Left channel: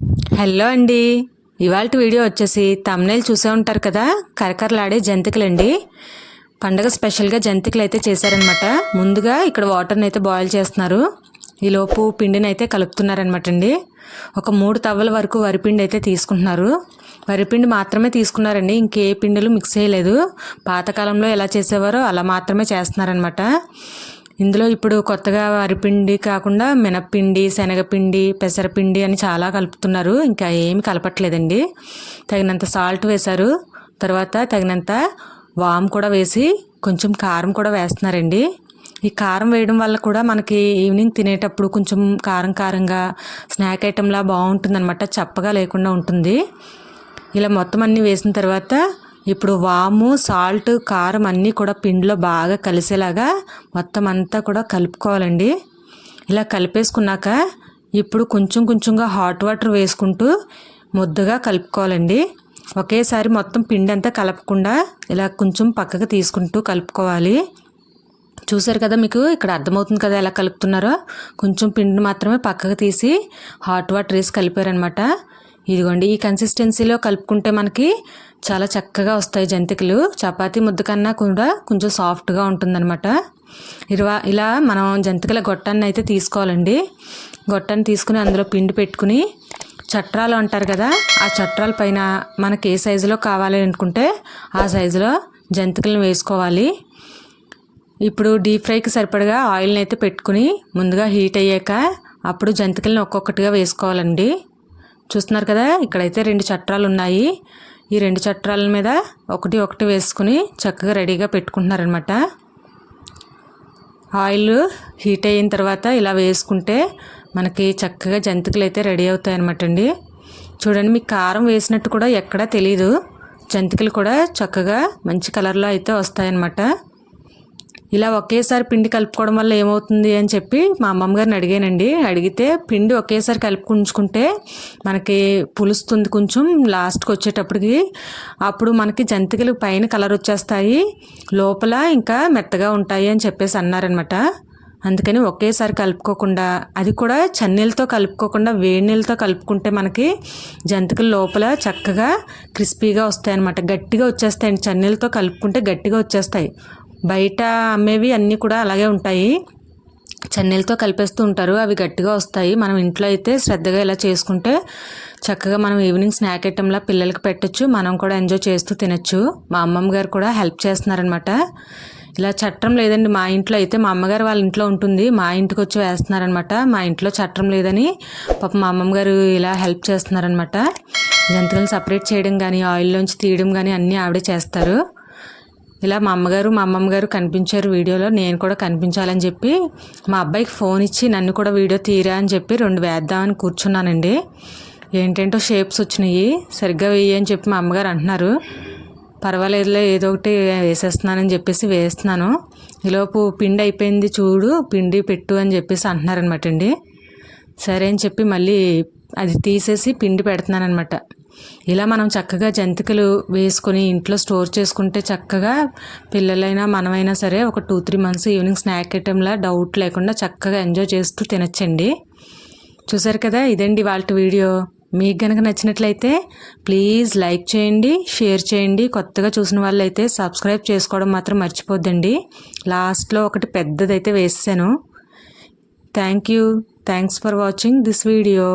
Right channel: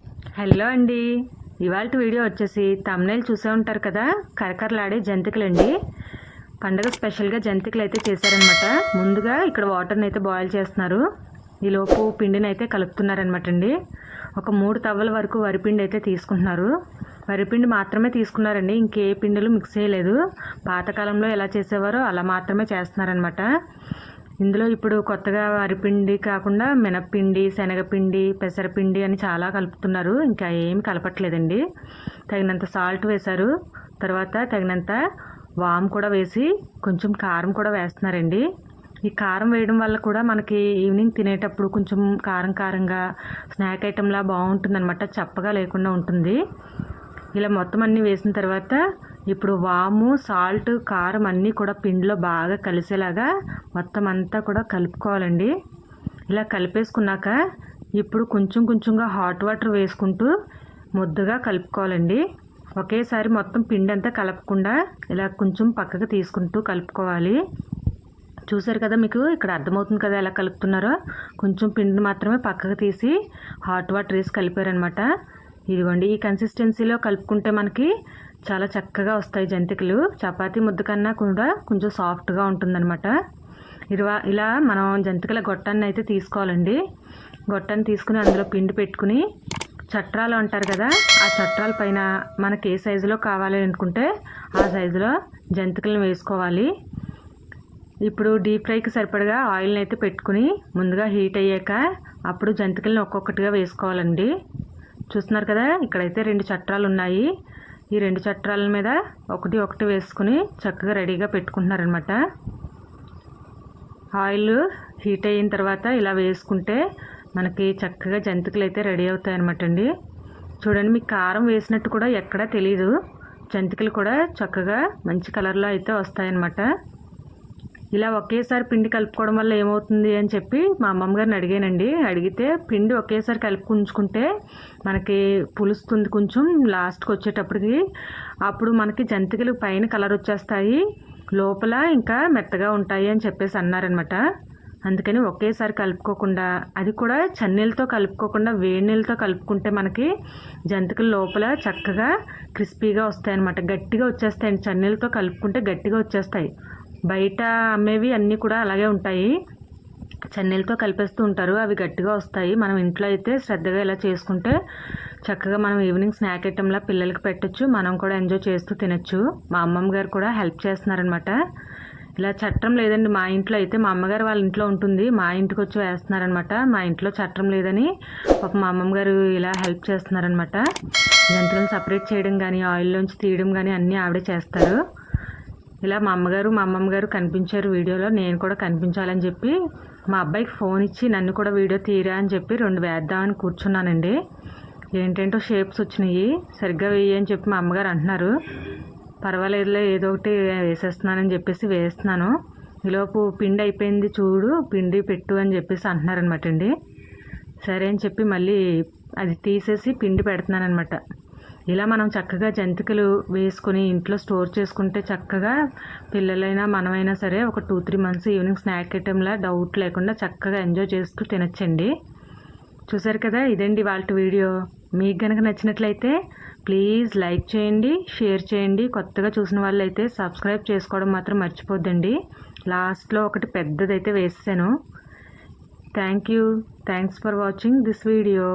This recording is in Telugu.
హలో అండి. ఇవాల్టి వీడియో వచ్చేసి తమ్నైల్ చూసే ఉంటారు కదా, కరకరలాడే జంతికలండి. పండగ స్పెషల్గా జంతికలు అయితే చేశారనమాట. ముందుగా ఇక్కడ వాటర్ని అయితే బాయిల్ చేస్తున్నారు. ఈలోపు పిండిని అయితే కలుపుతున్నారనమాట అండి. ఒక 3 తవ్వల వరకు వరిపిండి అయితే తీసుకుంటున్నారు. వరిపిండి మాత్రమే తీసుకున్నారండి, ఇంకే పిండిలు మిక్స్ చేయలేదు. పాతకాలంలో ఎలా చేసేవారో అలా మాత్రమే చేస్తున్నారనమాట. ఇందులో ఇప్పుడు కొత్తగా వరిపిండి కాకుండా మినప్పిండి, శనగపిండి, పెసరపిండి అని చాలా కలుపుతున్నారు. ఇంకా ఏమి కలపట్లేదండి. తగినంత సాల్ట్ వేశారు. తర్వాత తగినంత వాము కూడా వేసి కొంచెం కారం కూడా వేస్తున్నారండి. ఈ కారం వేయడం వల్ల కూడా మనకి ఈవినింగ్ తినేటప్పుడు కొంచెం కారం కారంగా స్నాక్ ఐటెంలా బాగుంటుందన్నమాట. చప్పగా లేకుండా ఉంటుంది. ఇలా మొత్తం అన్నీ వేసిన తర్వాత ఇప్పుడు వాము, సాల్ట్, కారం అన్నీ కూడా పిండిలో బాగా కలిసేలాగా మొత్తం అంతా కూడా కలుపుకోవాలండి. ఇలా కలిపేసుకున్నాక ఇప్పుడు కొంచెం కొంచెంగా హాట్ వాటర్ వేసుకుంటూ ముద్దగా కలుపుకోవాలండి. ఒకేసారి మొత్తం పిండి అంతా కలపకుండా ఇలా కొంచెం పక్కకు తీసుకుంటూ కలుపుకోవాలి. చూసారు కదా, మీకు ఇక్కడ అర్థమవుతుంది కదా ఎలా కలుపుతున్నారో. కొంచెం పిండిని మాత్రమే పక్కకు తీసి హాట్ వాటర్ వేసి కలిపారనమాట. ఇదిగోండి, ఈ కన్సిస్టెన్సీలో కలుపుకుంటే మనకి చాలా చక్కగా వస్తాయి జంతికలు. చపాతీ ముద్ద కన్నా కూడా కొంచెం సాఫ్ట్గా ఉంటుందన్నమాట. ఇలా మనం జంతికల గొట్టాన్ని అయితే తీసుకోవాలండి. గొట్టాన్ని తీసుకుని అందులో పిండి పెట్టుకుని చట్రాలు అంటారు కదా, ఆ చట్రాల పైన మనకి ఏ సైజులో కావాలి అనుకుంటే ఆ సైజులో జంతికలను వేసుకోవాలి. ఇప్పుడు డీప్ ఫ్రైకి సరిపడగా ఆయిల్ని అయితే పెట్టుకుని ముందుగా హీట్ అయ్యాక అప్పుడు జంతికలను ఒక్కొక్కటిగా వేసుకోవాలండి. చూస్తున్నారు కదా, ఇక్కడైతే 2 చట్రాలు ఉన్నాయి. ఈ 2 చట్రాల మీద ఒకటి వేసుకుని చక్కగా రెడీగా పెట్టుకుంటున్నారనమాట. ఆయిల్ హీట్ అయిన తర్వాత ఇలా వేసుకుంటే మనకి చక్కగా జంతికలు అయితే రెడీ అవుతాయి అనమాట అండి. చూడండి, మీకు కారం వేసినట్టు కూడా ఎక్కడా తెలీదు. జంతికలు కూడా చక్కగా మంచి కలర్లో అయితే వస్తాయన్నమాట. ఇలా ఒకేసారి పిండి కలుపుకోవడం వల్ల ఏమవుతుంది అని చెప్పి మా అమ్మమ్మ గారిని అడిగానండి. అడిగితే పిండి ఒకేసారి కలుపుకుంచుకుంటే మనకి పులుస్తుంది కొంచెం లాస్ట్కి వచ్చేటప్పటికి. అప్పుడు మనకి జంతికలు పైన కలర్ వచ్చేస్తాయి, లోపల ఇంకా మెత్తగా ఉంటాయి అని చెప్పేసి అన్నారనమాట. అందుకని ఒకేసారి కలుపుకోకుండా, అది కూడా చన్నీళ్ళతో కలుపుకోకుండా వేడి నీళ్ళతో కలుపుకుంటే మనకి జంతికలు లోపల చక్కగా క్రిస్పీగా వస్తాయి అన్నమాట. గట్టిగా వచ్చేస్తాయండి. చన్నీళ్ళతో కలుపుకుంటే గట్టిగా వచ్చేస్తాయి. బయట అమ్మేవి అన్నీ కూడా అలాగే ఉంటాయి, చన్నీళ్ళతో కలిపేస్తూ ఉంటారు, అవి గట్టిగా వస్తాయి. మనం ఇంట్లో అయితే శ్రద్ధగా ఇలా చేసుకుంటే చక్కగా మనం ఈవినింగ్ స్నాక్ ఐటెంలా పిల్లలకి పెట్టచ్చు, మనం కూడా ఎంజాయ్ చేస్తూ తినచ్చు. మా అమ్మమ్మ గారు కూడా హెల్ప్ చేస్తున్నారనమాట. ఇలా చట్టం లేదండి మా ఇంట్లో అయితే, మా అమ్మగారు వాళ్ళ ఇంట్లో ఉంటుంది, మా ఇంటికి వచ్చి వేస్తున్నారనమాట. మా ఇంట్లో చట్టం లేదని పాప మా అమ్మమ్మ గారు ఇలా హెల్ప్ చేస్తున్నారనమాట. జంతికలు సపరేట్ చేయడం కానీ ఆయిల్లోంచి తీయడం కానీ అన్నీ ఆవిడే చేస్తారు. ఇలా మా అమ్మమ్మ గారు కనిపించారు వీడియోలో. నేను కూడా కనిపించాలని చెప్పి మా అబ్బాయికి ఫోన్ ఇచ్చి నన్ను కూడా వీడియో తీరా అని చెప్పి 2 వేద్దామని కూర్చున్నానండి. ఏంటంటో షేప్స్ వచ్చినాయి, సరిగ్గా వేయి అని చెప్పి మా అమ్మగారు అంటున్నారు. పర్వాలేదులే, ఏదో ఒకటి వేసేస్తున్నానని చెప్పేసి వేస్తున్నాను. ఈలోపు పిండి అయిపోయింది చూడు, పిండి పెట్టు అని చెప్పేసి అంటున్నారనమాట అండి. సరే అని చెప్పి మళ్ళీ అది తీసేసి పిండి పెడుతున్నాను అనమాట. ఇలా మనం చక్కగా జంతికలు వేసుకొని ఇంట్లో స్టోర్ చేసుకుంటే చక్కగా పిల్లలైనా మనమైనా సరే ఒక 2-3 మంత్స్ ఈవినింగ్ స్నాక్ ఐటెంలా డౌట్ లేకుండా చక్కగా ఎంజాయ్ చేస్తూ తినచ్చండి. చూసారు కదా, ఇదండి వాళ్ళ వీడియో. మీకు కనుక నచ్చినట్లయితే ప్లీజ్ లైక్ చేయండి, షేర్ చేయండి. కొత్తగా చూసిన వాళ్ళైతే సబ్స్క్రైబ్ చేసుకోవడం మాత్రం మర్చిపోద్దండి. లాస్ట్లో ఒకటి పెద్దదైతే వేసాను. Thanks for watching this video.